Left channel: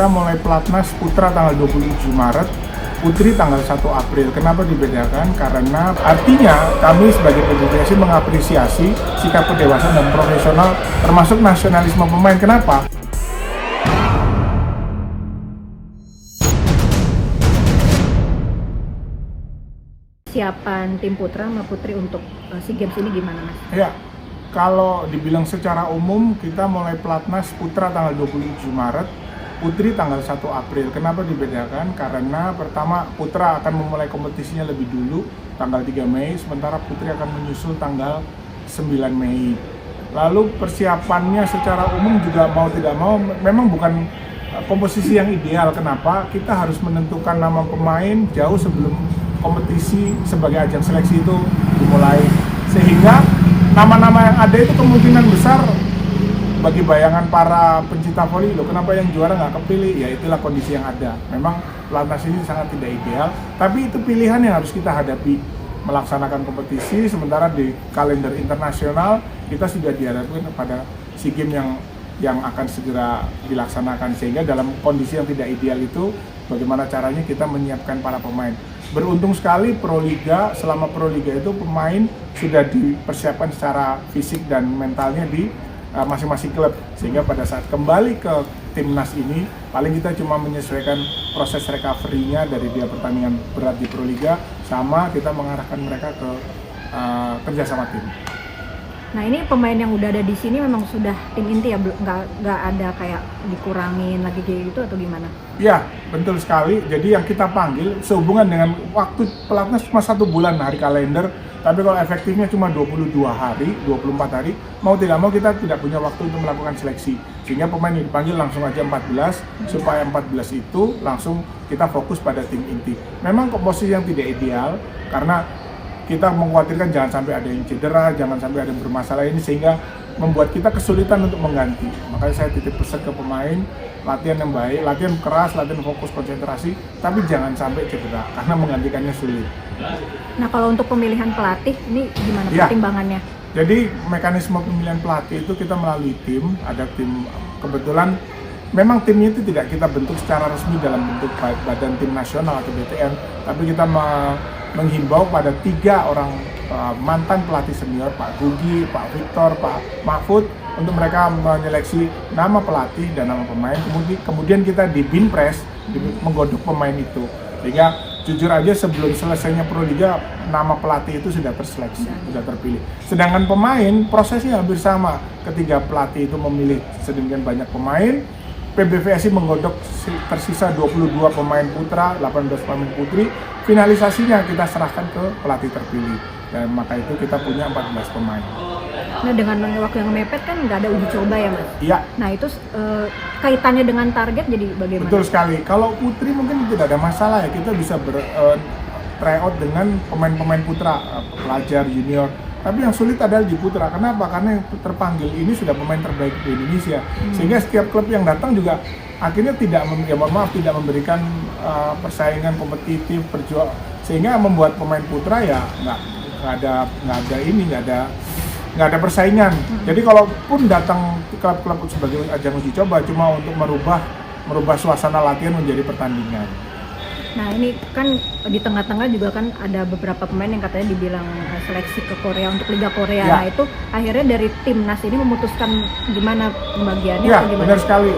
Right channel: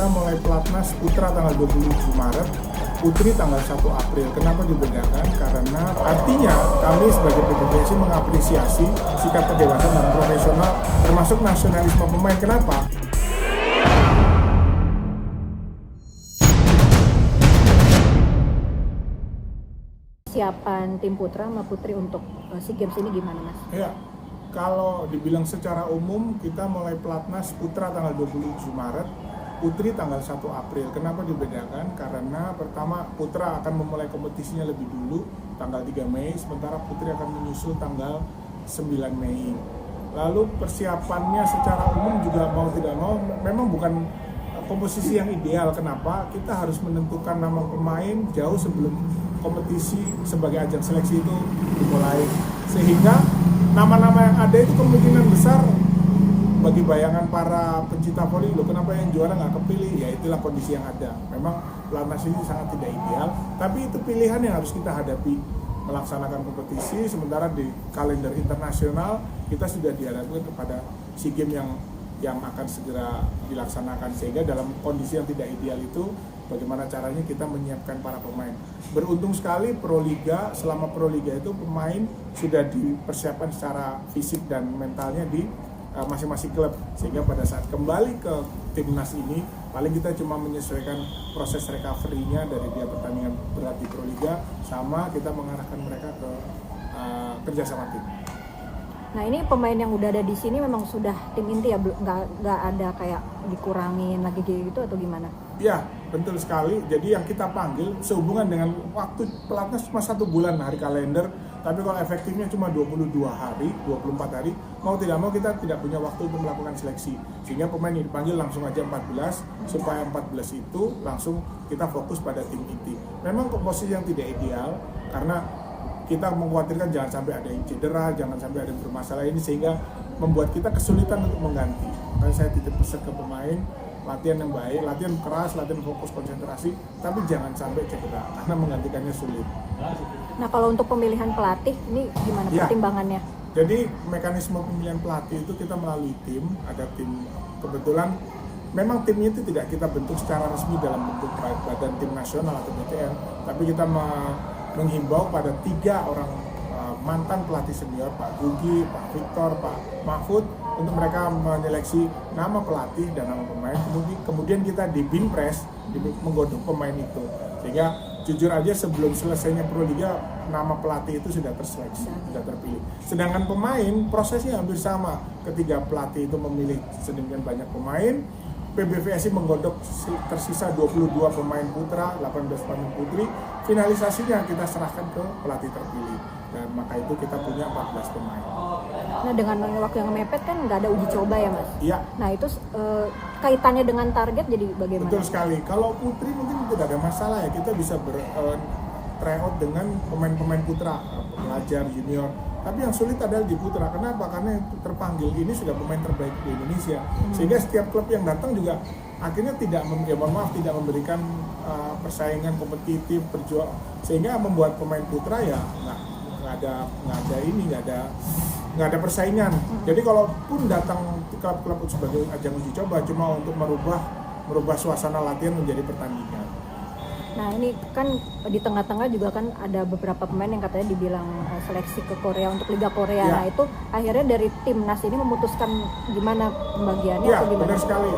kita mulai pelatnas putra tanggal 27 Maret, putri tanggal 1 April. Kenapa dibedakan? Karena artinya kami sebagai PBVSI mengapresiasi sikap kedewasaan dan profesional termasuk nasionalisme pemain. Kenapa? Siapan tim putra sama putri untuk SEA Games ini gimana, Mas? Ya, kalau dibilang secara umum kita mulai pelatnas putra tanggal 27 Maret, putri tanggal 1 April. Kenapa dibedakan? Karena pertama putra akan memulai kompetisinya lebih dulu tanggal 3 Mei, sementara putri akan menyusul tanggal 9 Mei. Lalu persiapannya secara umum juga mau tidak mau memang bukan komposisi yang ideal. Kenapa? Kita harus menentukan nama pemain jauh sebelum kompetisi sebagai ajang seleksi itu dimulai. Sehingga nama-nama yang ada itu kemungkinan besar bagi bayangan para pencinta voli, loh kenapa yang juara nggak kepilih? Ya itulah kondisi yang ada. Memang pelatnas ini sangat tidak ideal, tapi itu pilihan yang harus kita hadapi. Melaksanakan kompetisi, sementara di kalender internasional kita sudah dihadapkan kepada SEA Games yang akan segera dilaksanakan. Sehingga dalam kondisi yang tidak ideal itu, bagaimana caranya kita menyiapkan para pemain. Beruntung sekali Proliga, selama Proliga itu pemain sudah dipersiapkan secara fisik dan mentalnya di masing-masing klub, sehingga pada saat kembali ke timnas ini paling kita cuma menyesuaikan proses recovery-nya dari dia pertandingan berat di Proliga, sama kita mengarahkan mereka ke kerjasama tim. Nah ini pemain yang udah ada di sini memang sudah tim inti ya, nggak ada kayak dikurangin lagi gitu atau gimana? Ya, betul sekali. Jadi yang kita panggil sehubungan dengan waktu pelatnas cuma 1 bulan hari kalender, tapi kalau efektifnya cuma 22 hari, 24 hari, mau tidak mau kita tidak punya waktu untuk melakukan seleksi. Sehingga pemain yang dipanggil langsung aja 14, supaya 14 itu langsung kita fokus pada tim inti. Memang komposisi yang tidak ideal, karena kita mengkhawatirkan jangan sampai ada yang cedera, jangan sampai ada yang bermasalah ini, sehingga membuat kita kesulitan untuk mengganti. Makanya saya titip pesan ke pemain, latihan yang baik, latihan keras, latihan fokus, konsentrasi, tapi jangan sampai cedera, karena menggantikannya sulit. Nah kalau untuk pemilihan pelatih, ini gimana pertimbangannya? Jadi mekanisme pemilihan pelatih itu kita melalui tim, ada tim, kebetulan memang timnya itu tidak kita bentuk secara resmi dalam bentuk badan tim nasional atau BTN, tapi kita menghimbau pada 3 orang mantan pelatih senior, Pak Gugi, Pak Victor, Pak Mahfud, untuk mereka menyeleksi nama pelatih dan nama pemain. Kemudian kita di Binpres menggodok pemain itu, sehingga jujur aja sebelum selesainya Proliga nama pelatih itu sudah terseleksi, sudah terpilih. Sedangkan pemain prosesnya hampir sama. Ketiga pelatih itu memilih sedemikian banyak pemain, PBVSI menggodok tersisa 22 pemain putra, 18 pemain putri. Finalisasinya kita serahkan ke pelatih terpilih, dan maka itu kita punya 14 pemain. Nah dengan waktu yang mepet kan nggak ada uji coba ya Mas? Iya. Nah itu kaitannya dengan target jadi bagaimana? Betul sekali. Kalau putri mungkin tidak ada masalah ya, kita bisa tryout dengan pemain-pemain putra, pelajar, junior. Tapi yang sulit adalah di putra. Kenapa? Karena yang terpanggil ini sudah pemain terbaik di Indonesia. Sehingga setiap klub yang datang juga akhirnya tidak memberikan persaingan kompetitif, sehingga membuat pemain putra ya nggak ada persaingan. Jadi kalaupun datang klub-klub sebagai ajang uji coba cuma untuk merubah suasana latihan menjadi pertandingan. Nah ini kan di tengah-tengah juga kan ada beberapa pemain yang katanya dibilang seleksi ke Korea untuk Liga Korea. Ya. Nah itu akhirnya dari timnas ini memutuskan gimana pembagiannya Ya, atau gimana? benar sekali.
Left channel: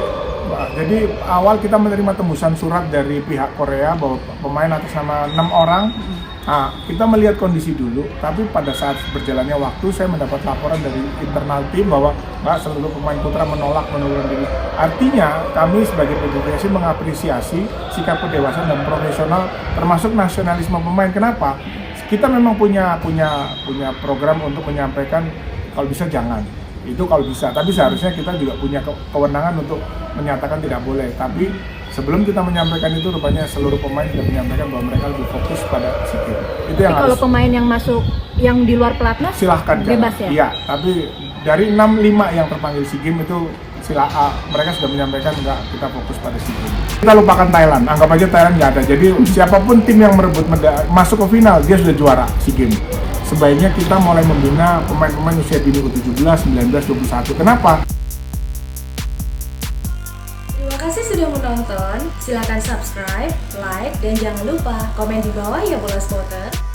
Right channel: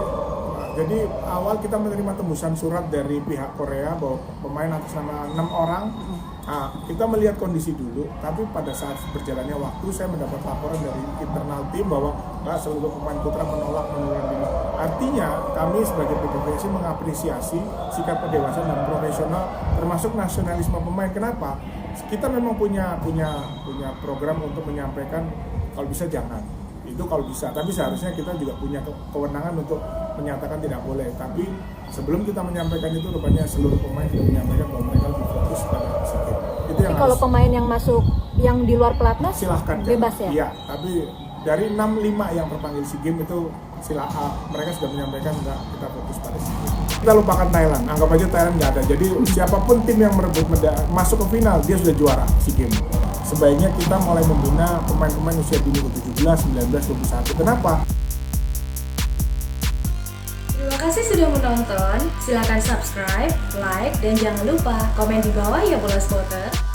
Jadi awal kita menerima tembusan surat dari pihak Korea bahwa pemain atas nama 6 orang. Nah, kita melihat kondisi dulu, tapi pada saat berjalannya waktu saya mendapat laporan dari internal tim bahwa seluruh pemain putra menolak mengundurkan diri. Artinya kami sebagai PBVSI mengapresiasi sikap kedewasaan dan profesional termasuk nasionalisme pemain. Kenapa? Kita memang punya program untuk menyampaikan kalau bisa jangan. Itu kalau bisa, tapi seharusnya kita juga punya kewenangan untuk menyatakan tidak boleh. Tapi sebelum kita menyampaikan itu, rupanya seluruh pemain sudah menyampaikan bahwa mereka lebih fokus pada SEA Games. Itu yang kalau pemain yang masuk yang di luar pelatnas silahkan bebas ya? Iya, tapi dari 6-5 yang terpanggil SEA Games itu mereka sudah menyampaikan nggak, kita fokus pada SEA Games. Kita lupakan Thailand, anggap aja Thailand nggak ada. Jadi siapapun tim yang merebut masuk ke final, dia sudah juara SEA Games. Sebaiknya kita mulai membina pemain-pemain usia dini U17, 19, 21. Kenapa? Terima kasih sudah sudah menonton. Silahkan subscribe, like, dan jangan lupa komen di bawah ya Bola Spotter.